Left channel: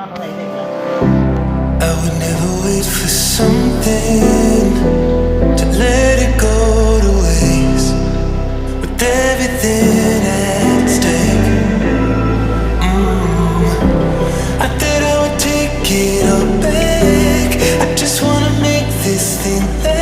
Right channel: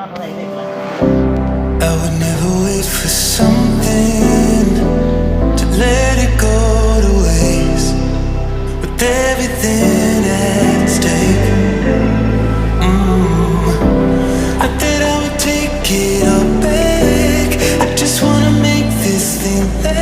I would never wait for something to let it go to waste, with everything at stake. Not that I would take it all back, I just wanna make this thing last.